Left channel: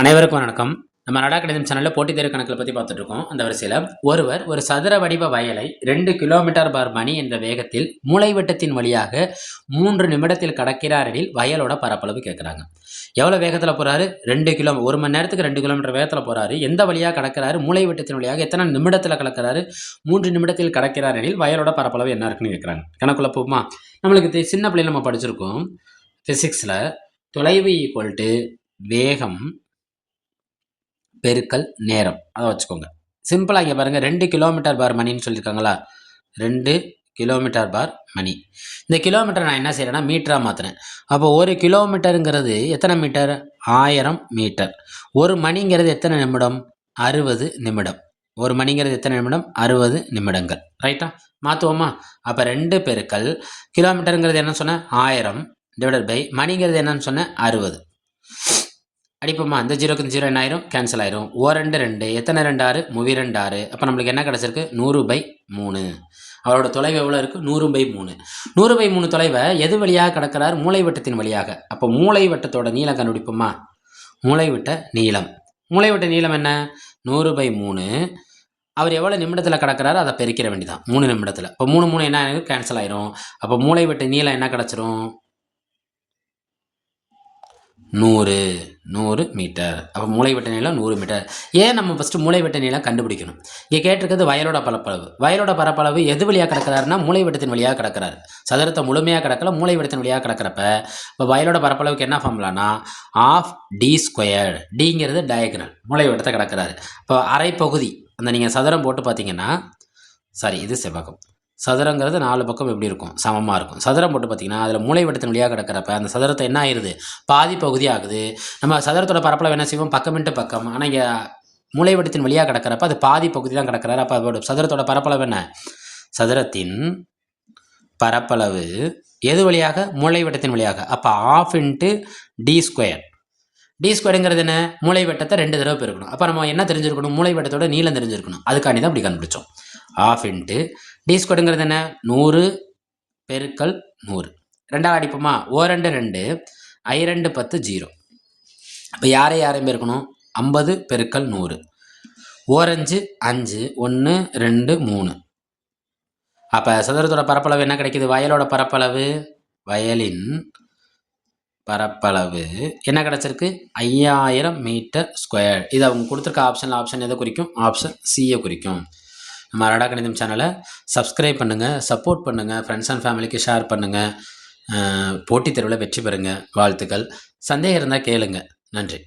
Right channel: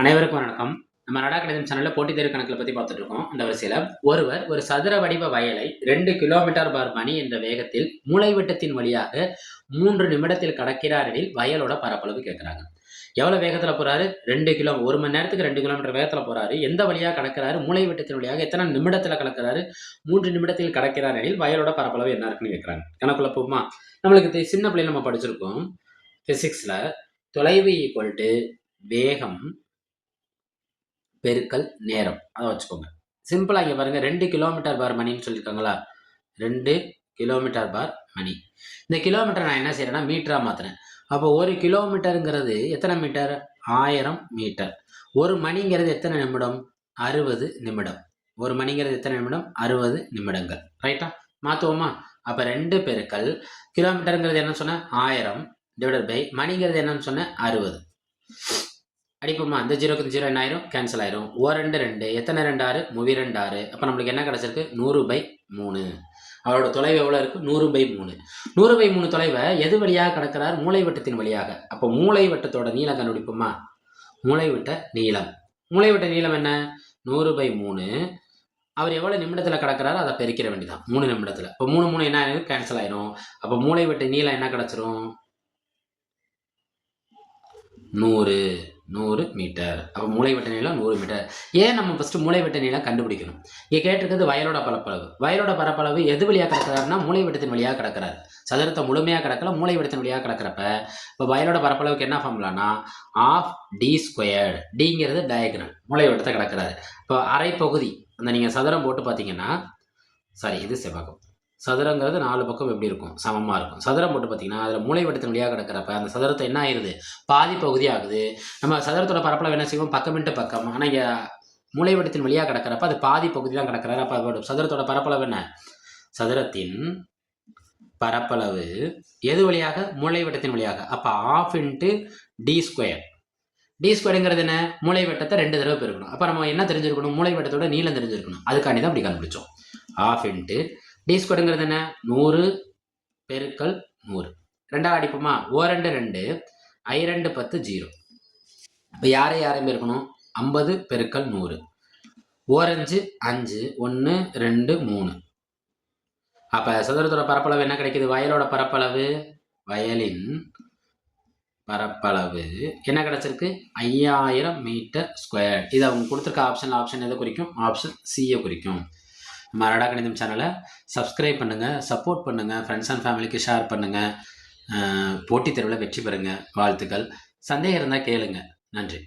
அனைவருக்கும் வணக்கம். நம்ம நடா கணிதம் சேனல்ல போட்டித் தேர்வு கணக்குல பத்தி பார்த்துட்டு இருக்கோம். அந்த வரிசையில ஒருவர் ஒரு சதுர வடிவ வயலை 2 கிலோமீட்டர் பர் மணி என்ற வேகத்தில் மூலைவிட்டத்தின் வழியாக 3 நிமிடத்தில் கடக்கிறார் எனில் வயலோட பரப்பளவு கேட்குறாங்க. எவ்வளவு வேகத்துல போறாரு? 2 கிலோ 1 மணி நேரத்துக்கு 2 கிலோமீட்டர் வேகத்துல போறாரு. எந்த வழியா கடக்கிறாரு? மூலைவிட்டத்தின் வழியாக எத்தனை நிமிடத்துல கடக்கிறாரு? 3 நிமிடத்தில் கடக்கிறார் எனில் வயலோட பரப்பளவு என்ன இருக்குன்னு கேட்குறாங்க. கணக்குள்ள போகுமா? நம்மளுக்கு சின்ன பிள்ளைல நம்ம படிச்சிருக்கோம் பிசிக்ஸ்ல தொலைவு ஈக்குவல் டு வேகம் பெருக்கல் நேரம். அதை வச்சுக்கோங்க. சிம்பிளா இங்க பாருங்க 2 கிலோமீட்டர் பார் மணின்னு சொல்லியிருக்காங்களா? 2 கிலோமீட்டர் பார் மணி. இந்த கிலோமீட்டர் நான் என்ன செய்யறேன்னா மீட்டரா மாத்துறேன். அப்போ 1 கிலோமீட்டருங்கிறது எத்தனை மீட்டர்? 1000 மீட்டர். ஒரு மணிங்கிறது எத்தனை நிமிடம்? 60 நிமிடம். ஒரு மணிங்கிறது எத்தனை நிமிடம்? 60 நிமிடங்கள். ரைட்டா? மாத்துவோமா? அப்ப 2 பெருக்கல் கிலோமீட்டருங்கிறது என்ன சொன்ன? 1000 டிவைடட் பை மணிங்கிறது என்னன்னு சொன்ன? 60. அடிப்போமா? இந்த 0க்கு இந்த 0 என்ன ஆயிரும்? கேன்சல் ஆயிரும். ஓ 2 2 எத்தனை 2 6? 32 6. அப்போ நம்மளுக்கு என்ன கிடைச்சிருக்கு? 100/3. அவரோட தொலைவு எவ்வளோ இருக்குது? 100/3. 100/3 தொலைவை எது வழியாக கடக்கிறார்? மூலைவட்டத்தின் வழியாக. அப்போ மூலைவட்டத்தோட நீளம் கண்டுபிடிப்போமா? மூலைவிட்ட நீளம். மூலைவிட்ட நீளம் என்ன? 100/3. அவர் எவ்வளோ நிமிடத்தில் கடக்கிறாரோ அதை பெருக்கிற வேண்டியதான். 3 நிமிடத்தில். இப்போ 3 3 என்ன ஆயிரும்? கேன்சல் ஆயிரும். அப்போ மூலைவிட்ட நீளம் என்ன கிடச்சிரும்? 100 மீட்டர். அப்போ மூலைவிட்ட நீளம் 100 மீட்டர். ஏன் நம்ம ஃபஸ்ட்டு மூலைவிட்ட நீளம் கண்டுபிடிக்கணும்? இங்கே கேட்டிருக்கிறது வயலோட பரப்பளவு. வயலோட பரப்பளவு எது வழியாக கிடக்கிறாருன்னா மூலைவிட்டத்தின் வழியாக கிடக்கிறார். சதுரத்தை முழுமையாக கிடக்கல, மூலைவிட்டத்தின் வழியாக கிடக்கிறப்ப இப்போ வயலோட பரப்பளவுக்கு என்ன ஃபார்முலானா ஆஃப் டி ஸ்கொயர். டிங்கிறது டயகனல். மூலைவிட்டத்தை கிடக்கிறாரு. இப்போ அரை பகுதி அந்த நீங்கள் சதுரம் போட்டு பார்த்தீங்கன்னா இது செவ்வகம். சதுரங்கிறது 4 பக்கம் எப்படி இருக்கும்? சமமாக இருக்கும். சதுரம் போட்டு பார்த்தீங்கன்னா அதில் மூலைவிட்டத்தின் வழியாக கிடக்கிறப்ப அந்த சதுரத்தை என்ன ஆயிடுது? பாதி பகுதி ஆகுது. நம்ம சதுரத்தோட பரப்பளவு என்ன செய்வோம்? பக்கம் இன்ட்டு பக்கம். ஆனால் இங்கே மூலைவிட்டத்தின் வழியாக கிடக்கிறப்ப அது பாதி பகுதி தான் கிடக்கிறாரு. அப்போ சதுரத்தோட பரப்பளவு என்ன? சதுரத்தின் பரப்பளவு எது வழியாக? மூலைவிட்டத்தின் வழியாக. அப்போ half into d square. D ஸ்கொயருங்கிறது என்ன? மூலைவட்டத்தை 2 தடவை பெருக்கணும். அப்போ நம்ம என்ன தெரிஞ்சிருக்கணும்? மூலைவட்டத்தோட நீளம் தெரிஞ்சிருக்கணும். அதுக்காண்டி தான் அப்படி கண்டுபிடிச்சோம். ஆஃப் இன்ட்டு டி ஸ்கொயருங்கிறது என்ன? 100 பெருக்கல் 100. 2 அடிப்போமா? ஓ 2 2 I 2 10 0. அப்போ யாரையும் பெருக்கணும்? 50 பெருக்கல் 100. ஓர் 5 5 1 2 3. அப்போ சதுரத்தோட பரப்பளவு என்ன கிடைக்குது? வயலோட பரப்பளவு, வயலின் பரப்பளவு என்ன கிடச்சிருக்கு? 5000 மீட்டர் ஸ்கொயர். இது அவங்க கொடுத்துருக்க ஆப்ஷன் எதை குறிக்கும்? ஆப்ஷன் சியை குறிக்கும். நம்ம நடா கணிதம் சேனலை சப்ஸ்கிரைப் பண்ணுங்கள், சப்போர்ட் பண்ணுங்கள், ஃப்ரெண்ட்ஸ் அண்ட் ஃபேமிலிக்கு ஷேர் பண்ணுங்கள். போட்டித் தேர்வில் வெற்றி பெறுங்க. வாழ்த்துக்கள். சந்தேகம் இருந்தால் கேளுங்க. நன்றி.